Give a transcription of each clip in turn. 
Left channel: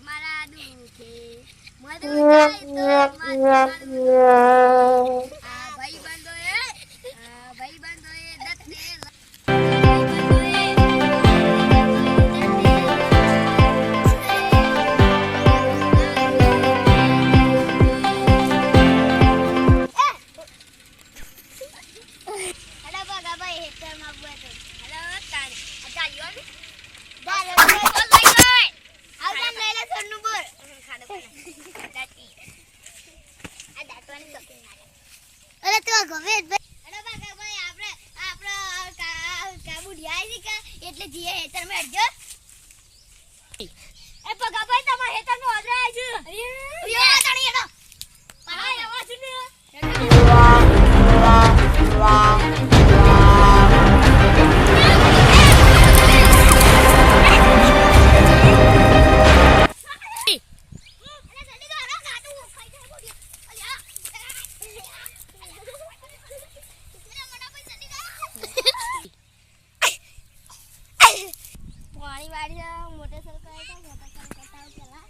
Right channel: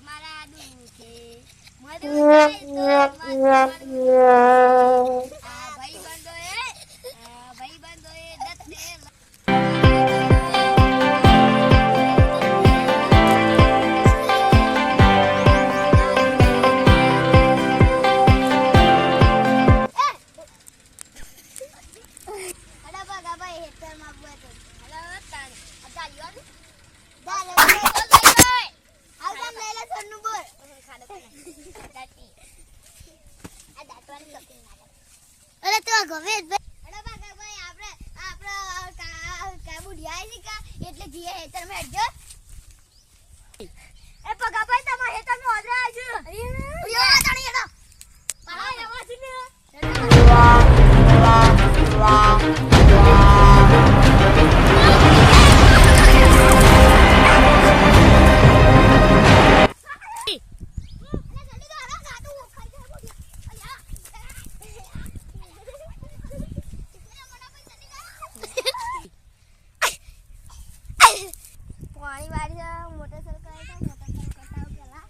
મારા દુખે મધુ જાય તો આ ભાઈ બંધો એ દત્તે એટલે જીએ હેતર માં હેડજો એ પગા ભાઈ તમાર હેતર નો ઓર્ડર આવ્યો છે યો તણી એનો પાઈ આવા છે ને પાણી વાળી મોટરસાઇકલ કરતા પેલા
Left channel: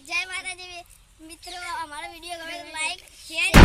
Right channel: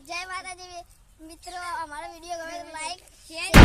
જય માતાજી મિત્રો, અમારો વિડિયો ગમે તો લાઈક શેર